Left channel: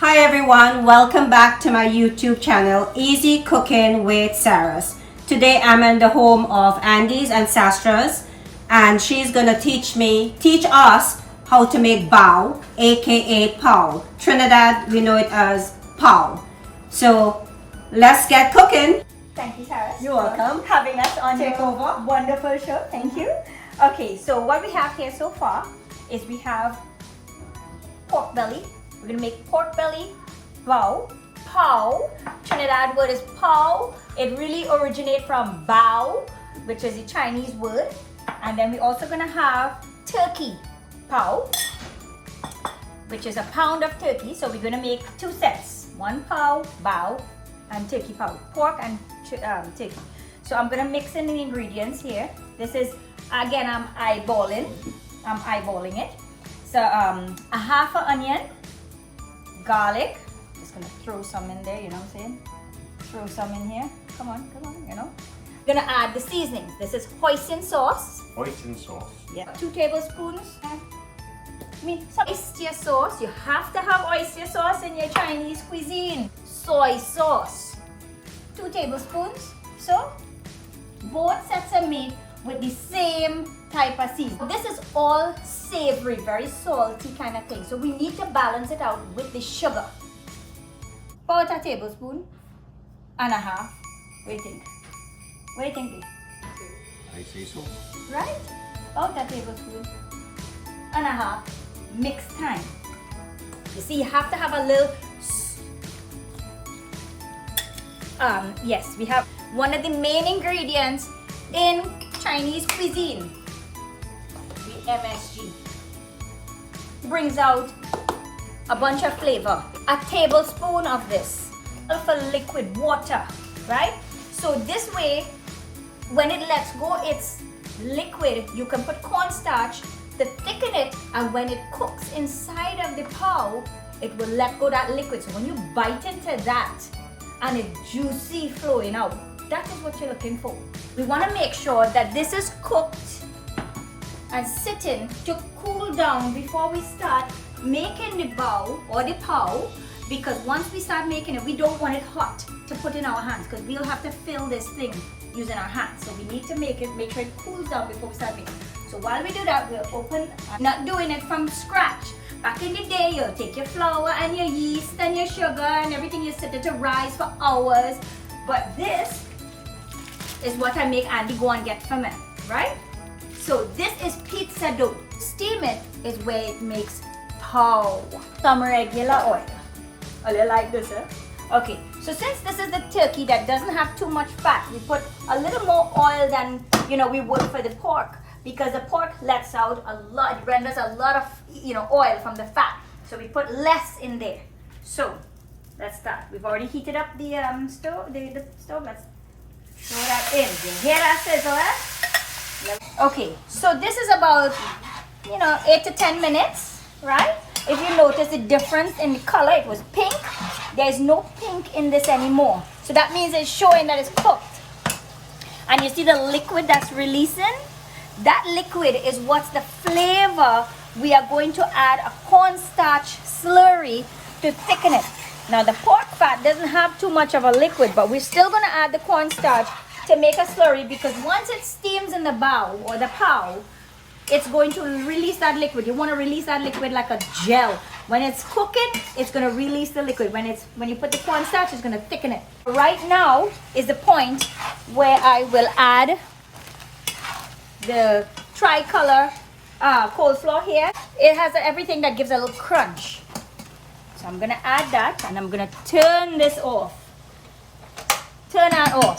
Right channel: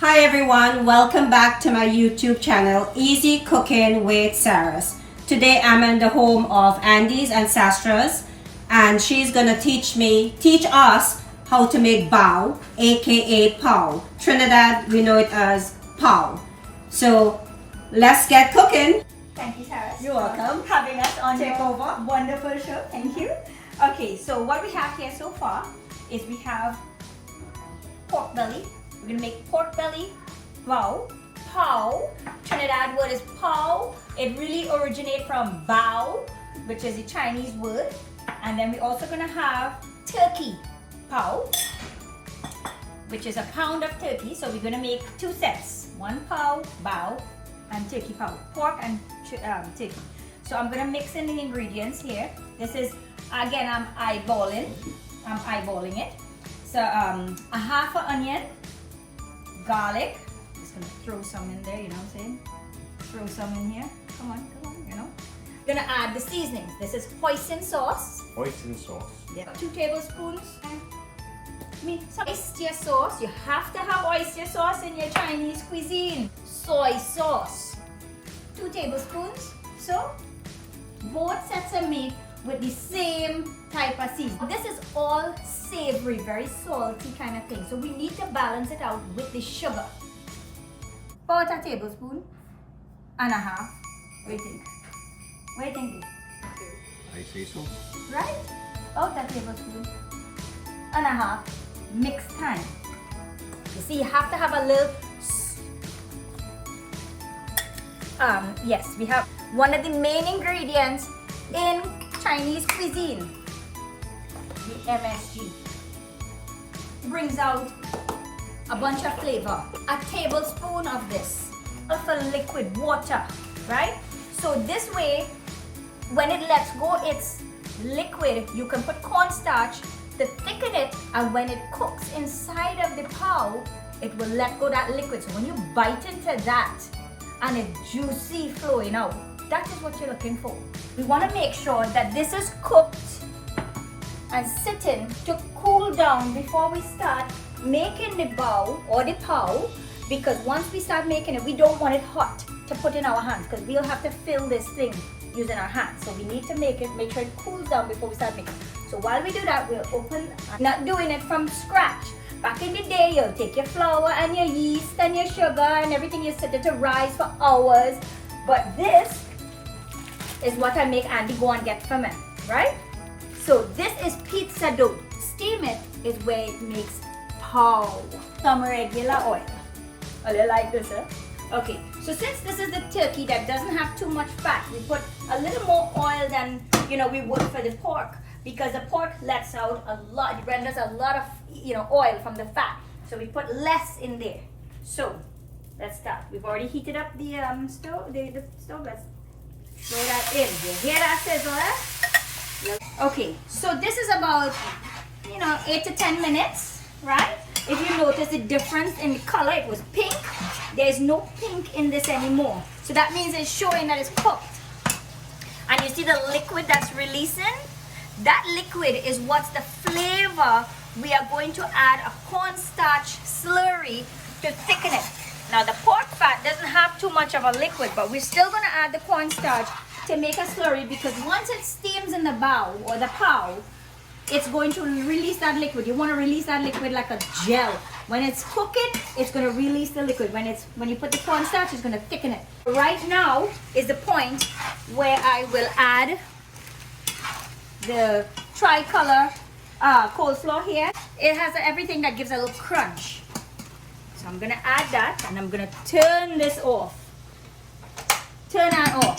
Hi everyone, welcome back to my YouTube channel, Easy Cooking with Sarah's. Today I'm in the home of Andy's Ancestors and she's gonna teach us how to make bao, aka pao. Trinidad, we know it as pao. So let's get cooking. Thank you, Sarah. You're welcome. Having us on Take your over. wonderful show. Thank you. Okay, so what we have here so far is we have pork belly. We're gonna make pork belly bao. Pao. Trinidad word is pao. It really originates from bao, which is a Chinese word. And then we're also gonna have turkey pao, which is a pound of turkey. So we're gonna make two sets: one pao bao and turkey pao, pork and turkey. So I'm gonna mix in the ingredients here. This is, again, I'm eyeballing it. So a half an onion, garlic. Just gonna throw some in there, you know what I'm saying? Throw some in here. Come on, you know. Gonna add the seasonings. This is hoisin sauce. Hoisin sauce. Yeah. 2 tablespoons. Some oyster sauce. You have to have oyster sauce in your Chinese cuisine. Soy sauce. 2 tablespoons. So both sets are made with the same type of seasoning. This is all savory, very salty kind of thing. So we need to balance it out with the sugar. About a tablespoon and a half. What do you think? What do you think? I say so. Right? About a tablespoon and a half. Mix time. You see, you have to have a little. Yes, we have one of the main ingredients in Chinese cuisine, the MSG. Brings out a bunch of flavor. A tablespoon of this for liquid water, right? So this way, when it lets go, it's liquid. You can put cornstarch to thicken it, and when it cooks inside of the pao, it will let go that liquid. So when you bite into that, and it's juicy flowing out, that is what you're looking for. We want to make sure that this is cooked and sitting to cool down before we start making the bao or the pao, because once we start making it, we don't want it hot to put in our hands, because we'll have to fill this thing using our hands. So we need to make sure it cools down before we start making it. So while we do that, we'll open, not doing it from scratch. Back in the day, you'll take your flour and your yeast and your sugar and everything, you set it to rise for hours. But this is what I make Andy go and get from it, right? So this is pizza dough. Steam it is where it makes pao. Some regular oil. A little like this, eh? Okay, so since this is the turkey that doesn't have too much fat, we put a little more oil than we would for the pork, because the pork lets out a lot, it renders a lot of oil from the fat. So we put less in there. So let's start. We've already heated up the stove. The stove. Let's throw that in. You hear that sizzle? Eh? Okay, so this is about 8 to 10 minutes, right? If you notice the difference in the color, it was pink. There's no pink in this anymore. So that means it's showing that it's cooked. And you see the liquid that's releasing? That liquid is what's the flavor. We are going to add a cornstarch slurry to thicken it. Now the pork fat doesn't have too much of a liquid, but we're still going to add the cornstarch to make a slurry, because once it steams in the bao or the pao, it's going to release that liquid. You want to release that liquid like a gel. When it's cooking, it's going to release the liquid. When you put the cornstarch, it's going to thicken it. Right now is the point where I will add the tricolor coleslaw here. It has everything that gives a little crunch. So I'm going to add that, and I'm going to turn this off. Turn that off.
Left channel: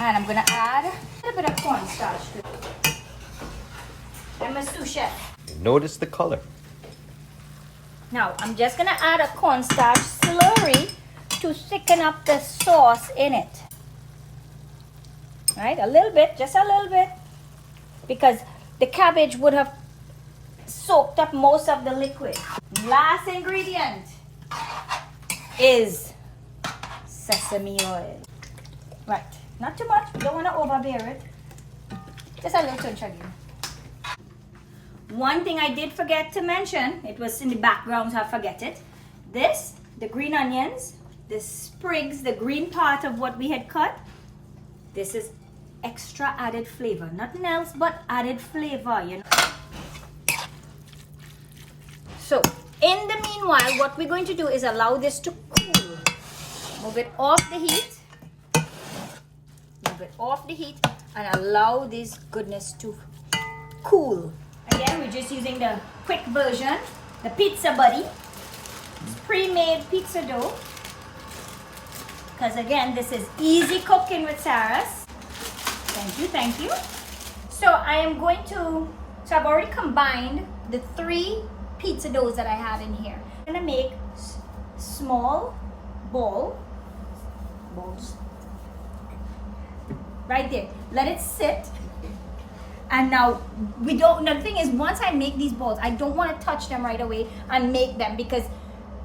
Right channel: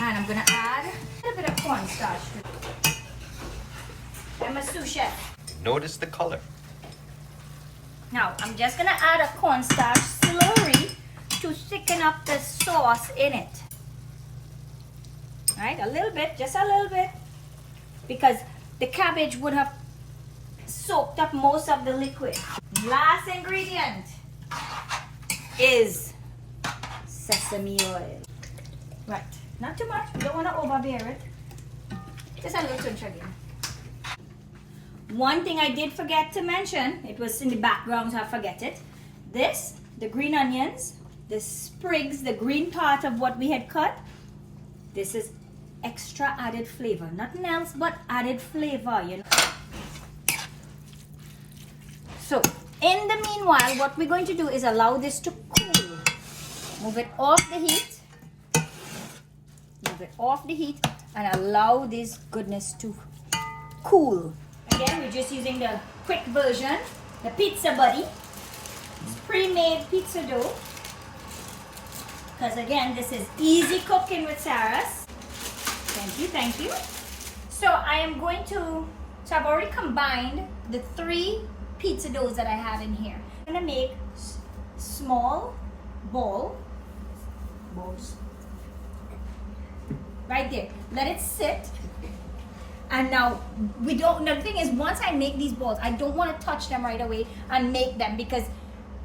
And I'm going to add a little bit of cornstarch to it. I'm a sous chef. Notice the color. Now, I'm just going to add a cornstarch slurry to thicken up the sauce in it. Right? A little bit, just a little bit. Because the cabbage would have soaked up most of the liquid. Last ingredient is sesame oil. Right. Not too much. You don't want to overbear it. Just a little pinch again. One thing I did forget to mention, it was in the background, so I forget it. This, the green onions, the sprigs, the green part of what we had cut, this is extra added flavor. Nothing else but added flavor, you know. So, in the meanwhile, what we're going to do is allow this to cool. Move it off the heat. Move it off the heat and allow this goodness to cool. Again, we're just using the quick version, the Pizza Buddy. It's pre-made pizza dough. Because again, this is easy cooking with Sarah's. Thank you, thank you. So I am going to, so I've already combined the 3 pizza doughs that I have in here. I'm gonna make small balls. Right there. Let it sit. And now the thing is, once I make these balls, I don't want to touch them right away and make them because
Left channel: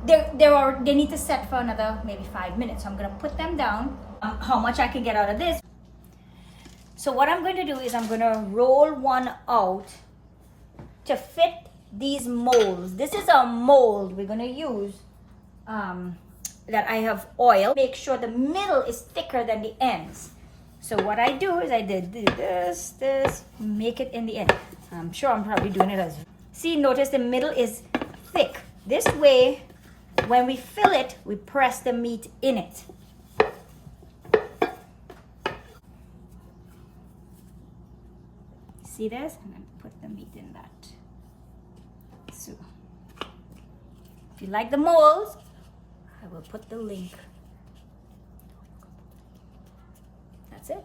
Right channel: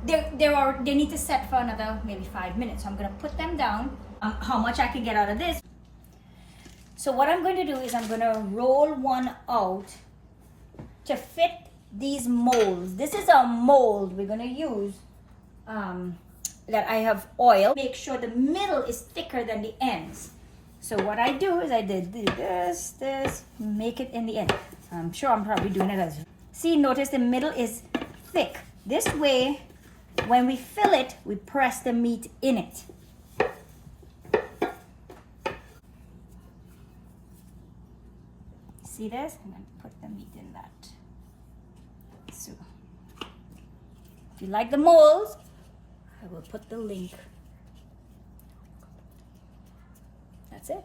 they need to set for another maybe 5 minutes. So I'm going to put them down. How much I can get out of this. So what I'm going to do is I'm going to roll one out to fit these molds. This is a mold we're going to use that I have oil. Make sure the middle is thicker than the ends. So what I do is I did this, make it in the end. I'm sure I'm probably doing it as well. See, notice the middle is thick. This way, when we fill it, we press the meat in it. See this? And then put the meat in that. So, if you like the molds, I will put the link. That's it.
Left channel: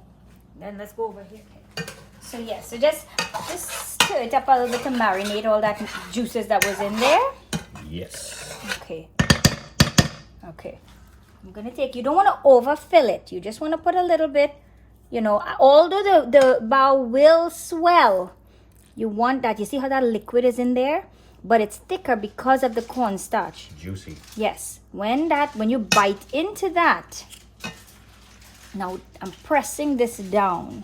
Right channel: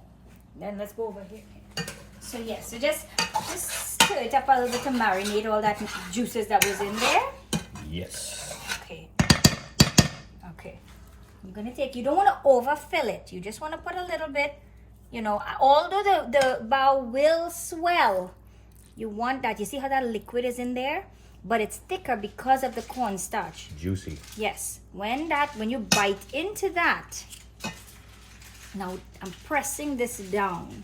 Then let's go over here. So yeah, so just stir it up a little bit to marinate all that juices that was in there. Yes. Okay. Okay. I'm gonna take, you don't want to overfill it. You just want to put a little bit, you know, although the bowl will swell, you want that. You see how that liquid is in there? But it's thicker because of the cornstarch. Juicy. Yes. When you bite into that, now I'm pressing this down.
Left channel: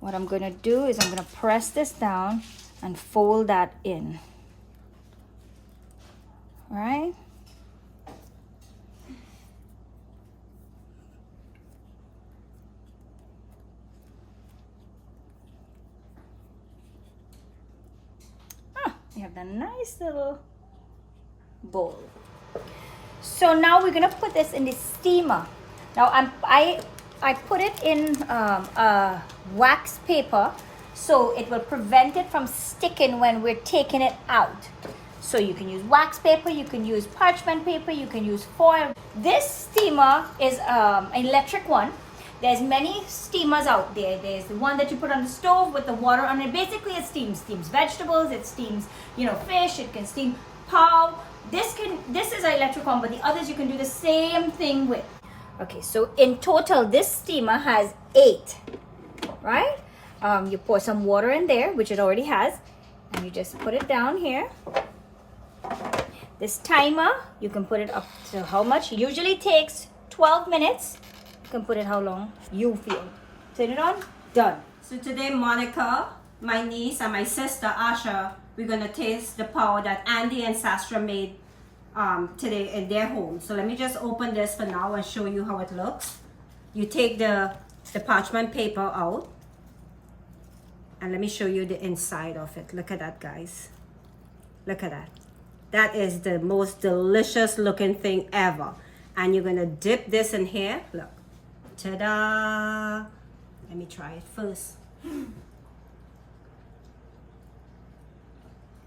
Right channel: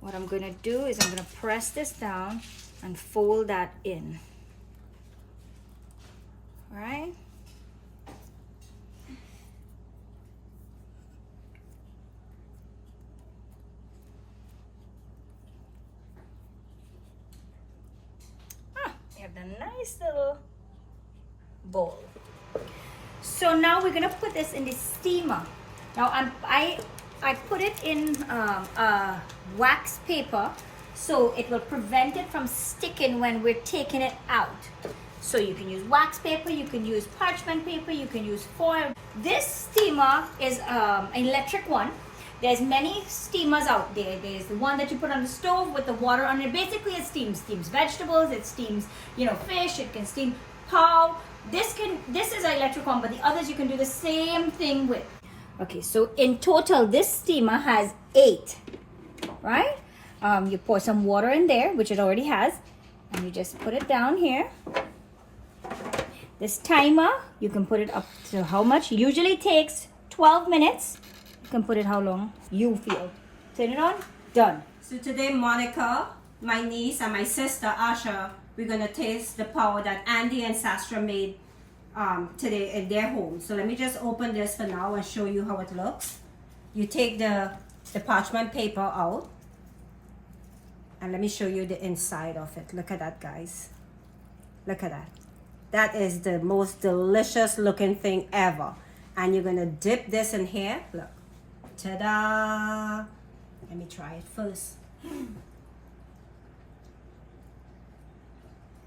What I'm going to do is I'm going to press this down and fold that in. All right? You have that nice little bowl. So now we're going to put this in the steamer. Now I put it in wax paper so it will prevent it from sticking when we're taking it out. So you can use wax paper, you can use parchment paper, you can use foil. This steamer is an electric one. There's many steamers out there. There's the one that you put on the stove with the water on it. Basically it steams vegetables, it steams, you know, fish, it can steam pav. This is an electric one, but the others you can do the same thing with. Okay, so in total, this steamer has 8, right? You pour some water in there, which it already has, and you just put it down here. This timer, you can put it up to how much? Usually takes 12 minutes. You can put it how long you feel. Turn it on, done. So today, Monica, my niece, and my sister, Asha, we're going to taste the pav that Andy and Sastra made today in their home. So let me just open this for now and show you how it looks. You take the parchment paper out and let me show you the inside of it. Look at that, guys. Look at that. That is the most delicious looking thing ever. And you're gonna dip this in here. Look, ta-da. Let me try it first.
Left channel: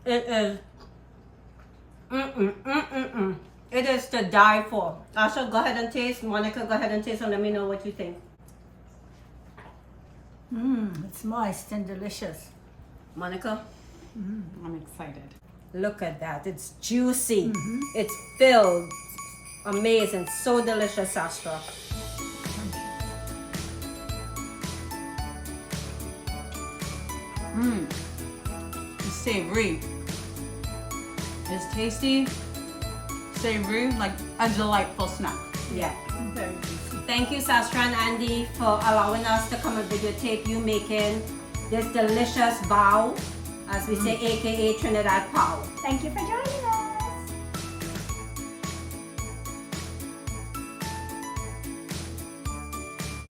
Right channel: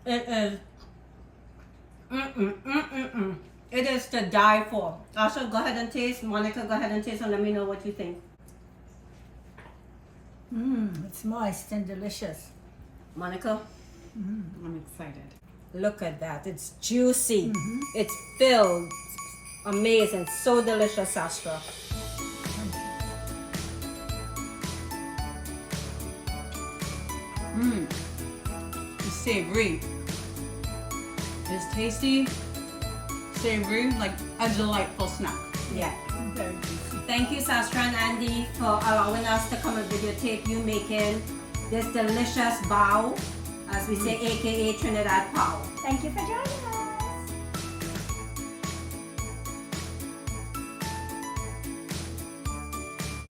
It is It is to die for. Asha, go ahead and taste. Monica, go ahead and taste and let me know what you think. It's moist and delicious. Monica? I'm excited. Look at that. It's juicy. It's filled. Amazing. So delicious, Sastra. It's savory. It's tasty, savory, like a delightful snack. Yeah. Very juicy. Thank you, Sastra and Andy, for allowing us to come and videotape you making this delicious bao, as We say AKA Trinidad Power. Thank you for joining us.